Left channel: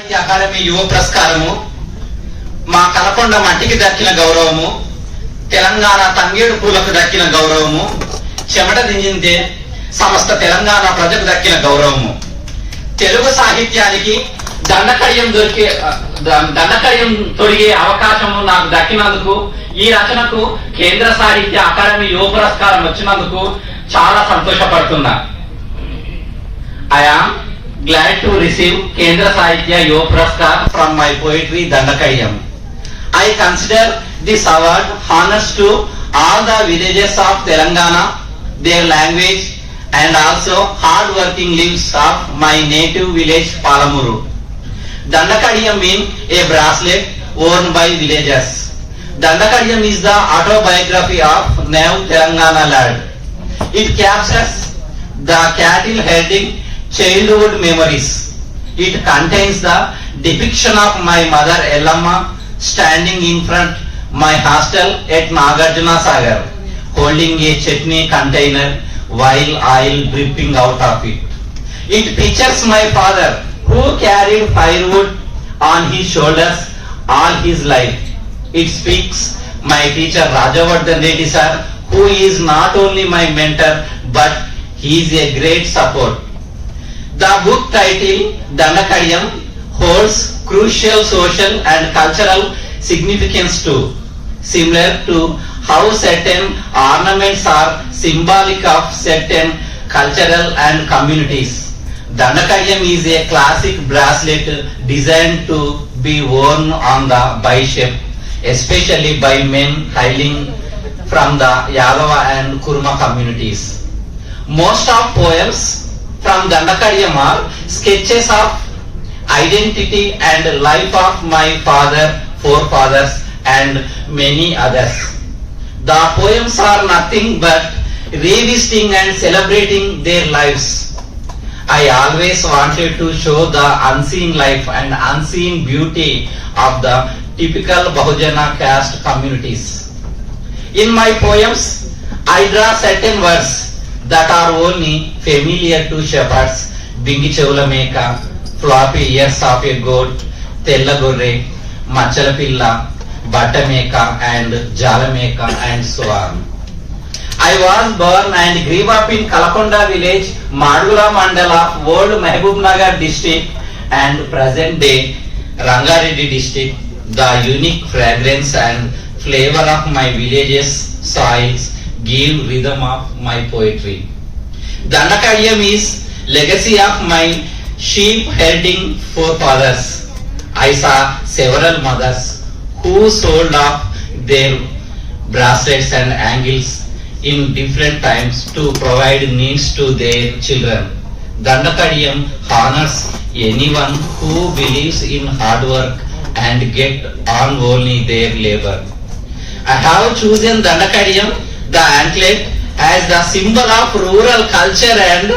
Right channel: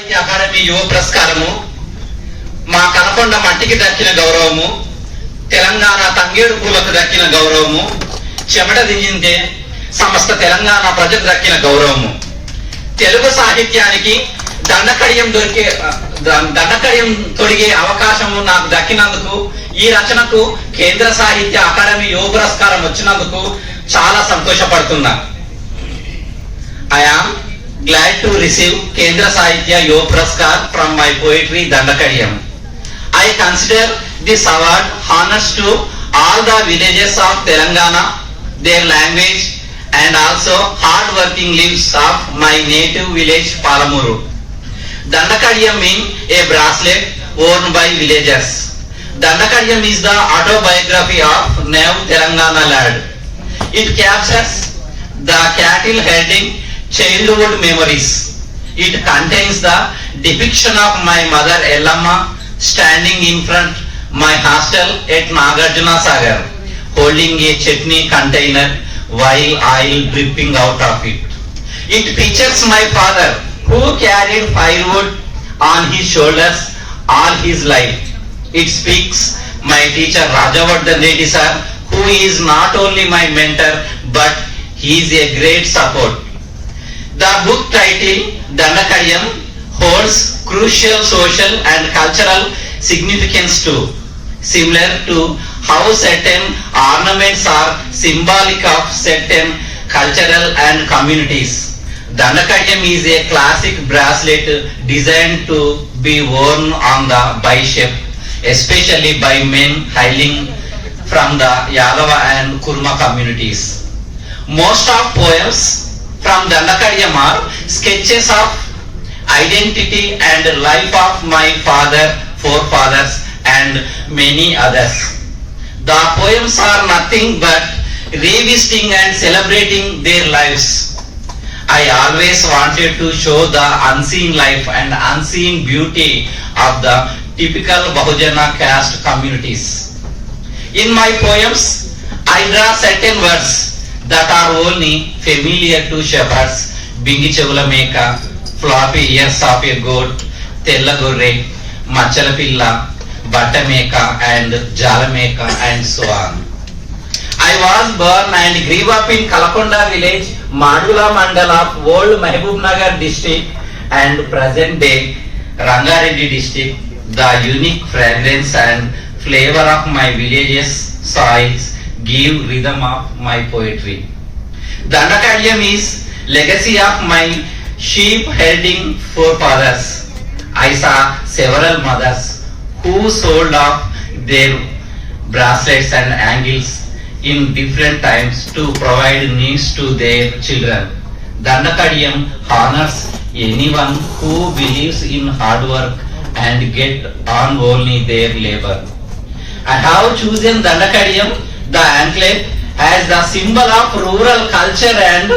సాహిత్య అకాడమీ యువ పురస్కారము, మా కలకొండ మట్టికి దక్కిన గౌరవము, తెలంగాణ తంగేడు పూలకు దక్కిన గౌరవము, చెమట దింజిందే సమస్త తెలంగాణ ప్రజలకు దక్కిన గౌరవము, తెలుగు సాహిత్యానికి దండకడియం తొడిగే అవకాశము నాకు దక్కినందుకు, ఈ రచనకు కేంద్ర సాహిత్య అకాడమీ యువ పురస్కారం వచ్చినందుకు చాలా సంతోషపడుతున్నా. I am glad to receive Kendra Sahitya Yuva Puraskar from my poetry Dandakadiyam. I consider this award honors to all the villages of Telangana, their language and also hard working lives of my native village Palamuru. Dandakadiyam means a bracelet worn by villagers. Dandakadiyam is the autobiography of Nav Telangana lad. It captures the cattle herding childhood memories. It contains the depiction of my mother Ellamma standing in front my hostel at Nagarjuna Sagar, holding a chutney container while oil dripping out of it. It pictures my father who carried firewood on his shoulders all his life. It speaks my teacher Rajavardhan Reddy sir, who is not only my mentor but he is a great support. The book title Dandakadiyam holds crucial social and cultural significance too, similar to how certain ornaments are symbolic of certain cultural and communities. Dandakadiyam is a classic bracelet designed to be worn on the bicep, especially by men hailing from the Yadava and Kurma communities. Most of poems from Dandakadiyam are sketches of identity and life of my father, forefathers and many others. The poems are nothing but revisiting and celebrating their lives. I always wanted to show the unseen life and unseen beauty of the typical Bahujana caste communities. In my poems, I draw certain words that are only familiar to shepherds: bingi chevula meka, floppy ears of a goat, tella gorre, machala pilla, batta meka and jala meka and so on. I was born and grew up in Kalakonda village, Madula mandal of old Mahbubnagar district and present day Rangareddy district. The unique fragrance and flavor of my village's soils give rhythm of my poetry. Dandakadiyam is legacy of my sheep herding forefathers. I saw several mothers who sold off their bracelets and angles in different times to provide needs to their children. Dandakadiyam honors anyone who believes in hard work and get on only their labor. I have chosen Dandakadiyam, the anklet, as the symbol of rural culture and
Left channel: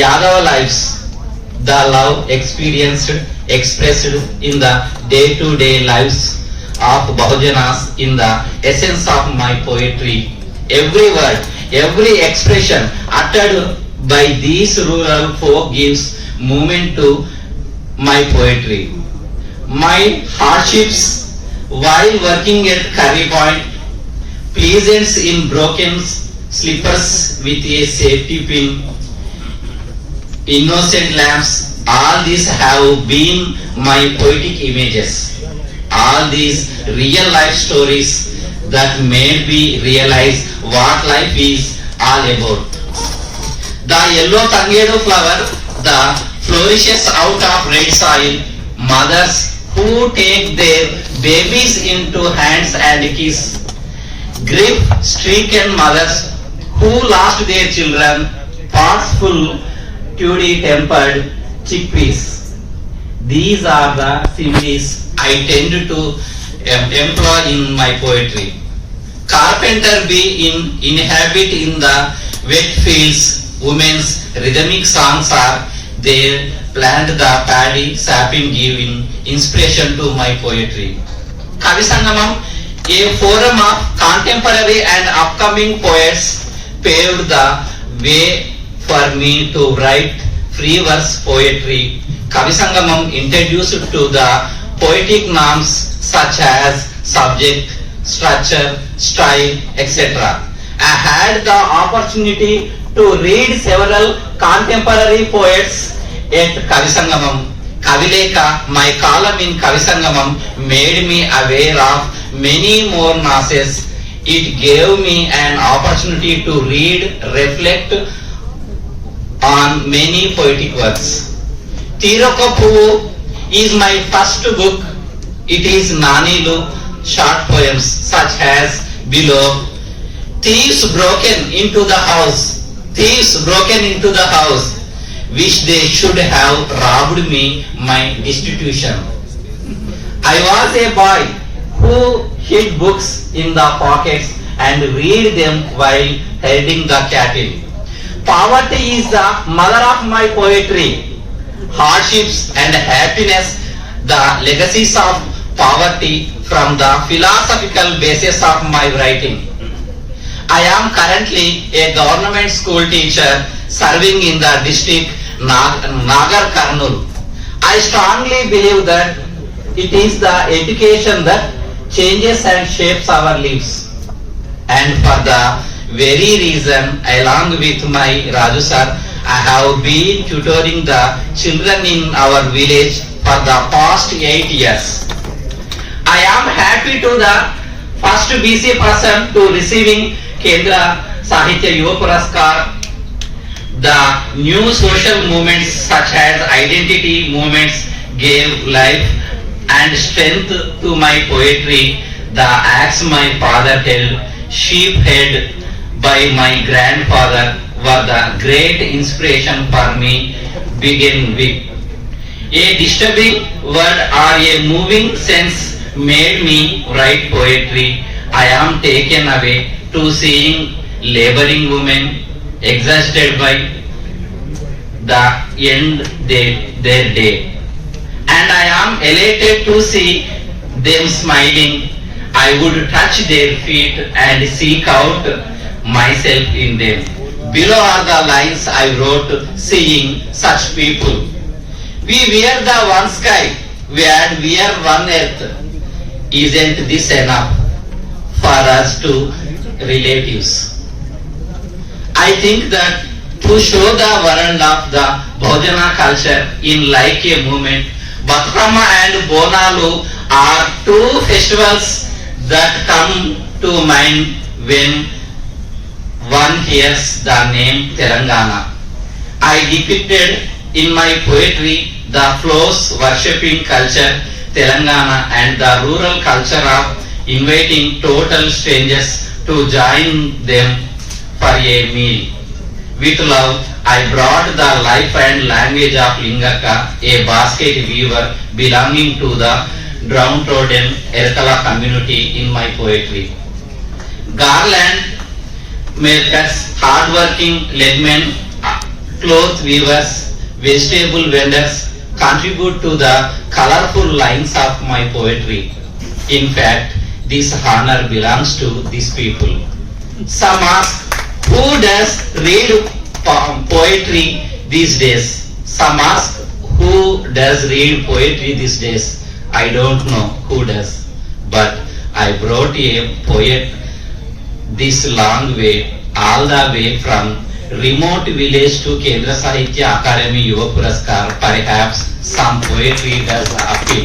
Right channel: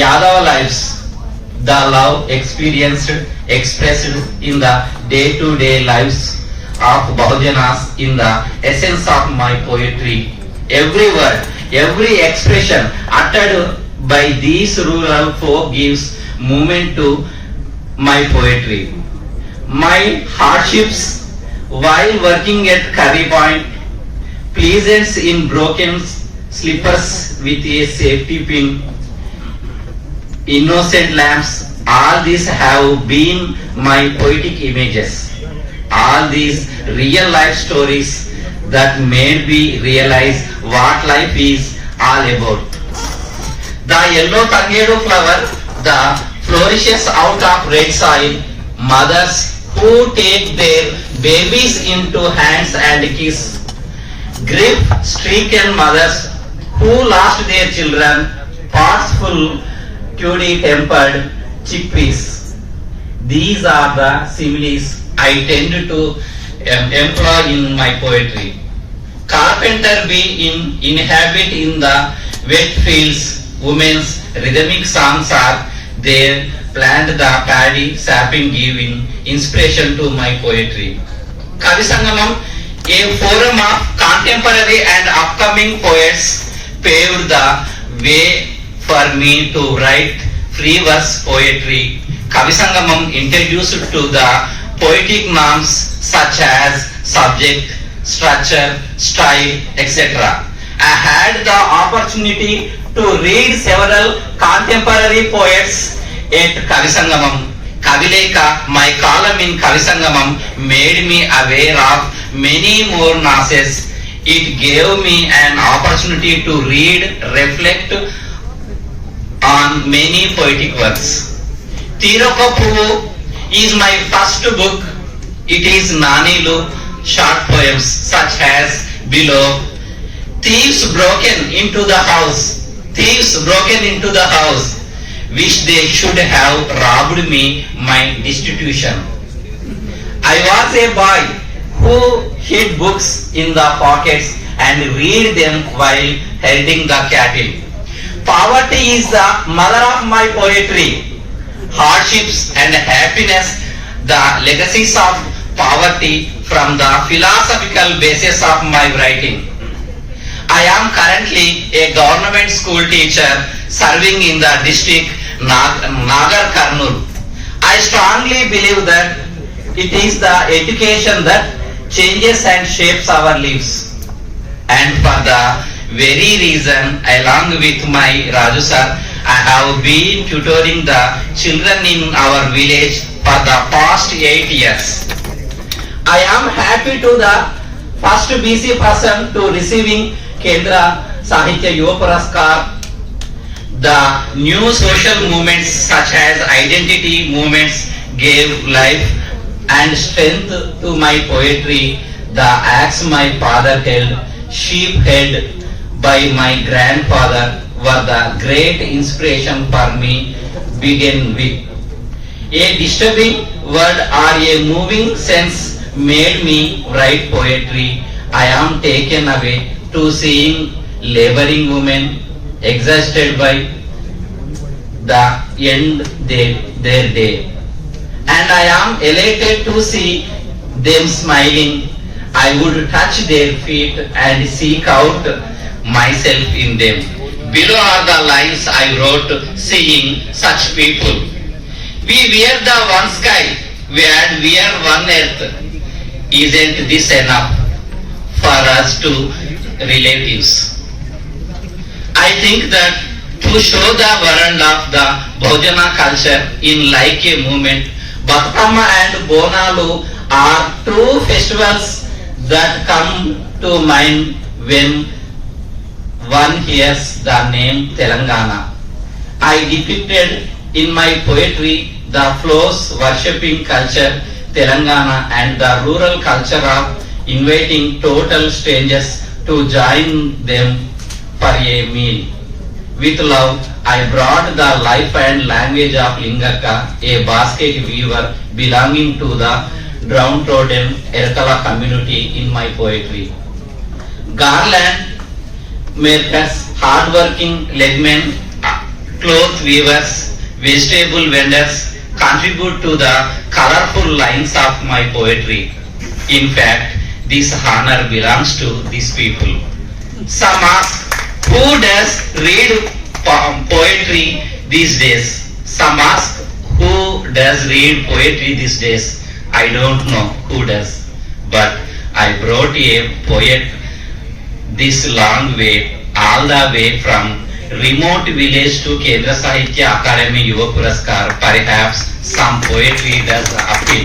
Yadava lives. The love experienced, expressed in the day-to-day lives of Bahujanas in the essence of my poetry. Every word, every expression uttered by these rural folk gives movement to my poetry. My hardships while working at Curry Point, pleasance in broken slippers with a safety pin, innocent lamps, all these have been my poetic images. All these real life stories that made me realize what life is all about. The yellow tangedu flower that flourishes out of red soil, mothers who take their babies into hands and kiss, grief-stricken mothers who lost their children, pots full cutie-tempered chickpeas. These are the similes I tend to employ in my poetry. Carpenter bee inhabit in the wet fields. Women's rhythmic songs are there. Plant the paddy sapping, giving inspiration to my poetry. Kavi Sangamam, a forum of contemporary and upcoming poets, paved the way for me to write free verse poetry Kavi Sangamam introduced to the poetic norms such as subject, structure, style, etc. I had the opportunity to read several contemporary poets at Kavi Sangamam. Kavileka, my column in Kavi Sangamam made me aware of many more nonsense. It gave me an opportunity to read, reflect on many poetic works. Tirokapu is my first book. It is Nanilu short poems such as below. Thieves broken into the house. Thieves broken into the house. Wish they should have robbed me my destitution. I was a boy who hid books in the pockets and read them while herding the cattle. Poverty is the mother of my poetry. Hardships and happiness, the legacies of poverty from the philosophical basis of my writing. I am currently a government school teacher serving in the district Nagar Karnool. I strongly believe that it is the education that changes and shapes our lives. And for the very reason, along with my Raju sir, I have been tutoring the children in our village for the past 8 years. I am happy to the first BC person to receiving Kendra Sahitya Yuva Puraskar. The new social movements such as identity movements gave life and strength to my poetry. The axe my father held, sheep held by my grandfather were the great inspiration for me begin with. A disturbing word or a moving sense made me write poetry. I am taken away to seeing laboring women exhausted by the end their day. And I am elated to see them smiling. I would touch their feet and seek out myself in them. Below are the lines I wrote seeing such people. We wear the one sky, we wear one earth. Isn't this enough for us to relatives? I think that to show the world of the Bhojana culture in like a movement, Batkama and Bonalu are two festivals that come to mind when one hears the name Telangana. I depicted in my poetry the flows worshipping culture Telangana and the rural culture of inviting total strangers to join them for a meal. With love, I brought the life and language of Lingaka, a basket weaver belonging to the downtrodden Erkala community in my poetry. Garland makers, hardworking leadmen, cloth weavers, vegetable vendors contribute to the colorful lines of my poetry. In fact, this honor belongs to these people. Some ask, who does read poetry these days? Some ask, who does read poetry these days? I don't know who does, but I brought a poet this long way, all the way from remote village to Kendra Sahitya Akademi Yuva Puraskar. Perhaps some poetry does appeal.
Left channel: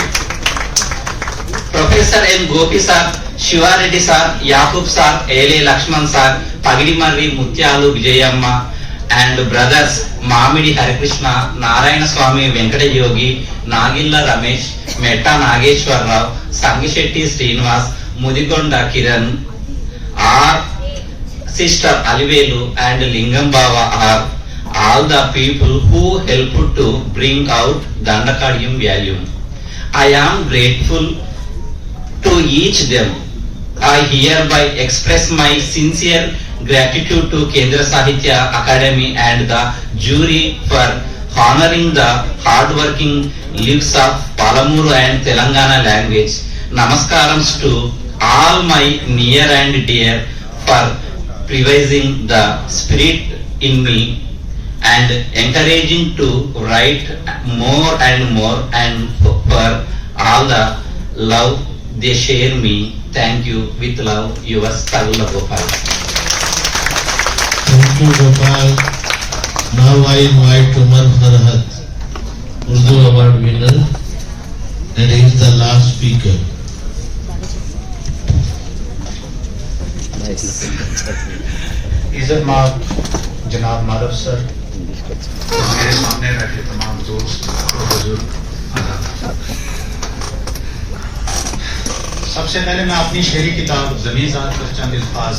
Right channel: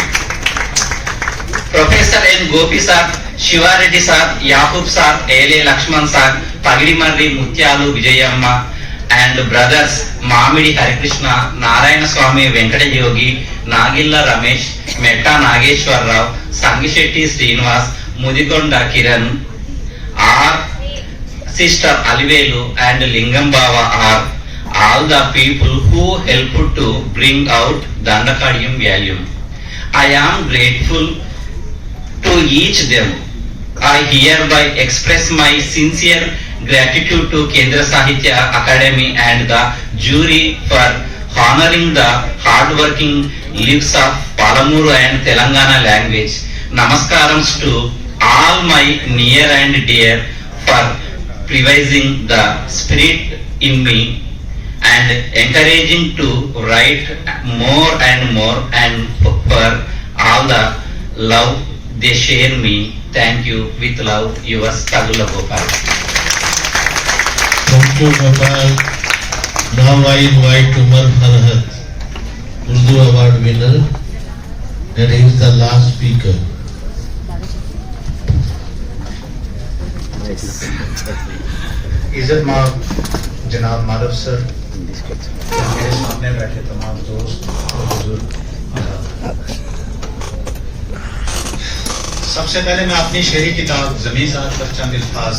Professor N. Gopi sir, Shivareddy sir, Yakub sir, A.L. Lakshman sir, Pagidimarri Mutyalu Vijayamma, and brothers Mamidi Harikrishna, Narayana Swami Venkata Yogi, Nagilla Ramesh, Metta Nageshwar Rao, Sangishetty Srinivas, Mudigonda Kiran, our sister Alivelu and Lingam Baba are all the people who helped to bring out Dandakadium value. I am grateful to each them. I hereby express my sincere gratitude to Kendra Sahitya Akademi and the jury for honoring the hardworking lives of Palamuru and Telangana language. Namaskarams to all my near and dear for preserving the spirit in me and encouraging to write more and more, and for all the love they share me. Thank you. With love, yours Kalla Gopal. Thank you, Gopal. Now I invite Umar Farhat, Urdu Award winner, and he is the last speaker. इज्जत माब जनाब Madhav sir, मेरे सामने बैठे तमाम दोस्त और बुजुर्ग, सबसे पहले मैं अपनी शेरी किताब ज़मीन ज़ात पर चंद अल्फाज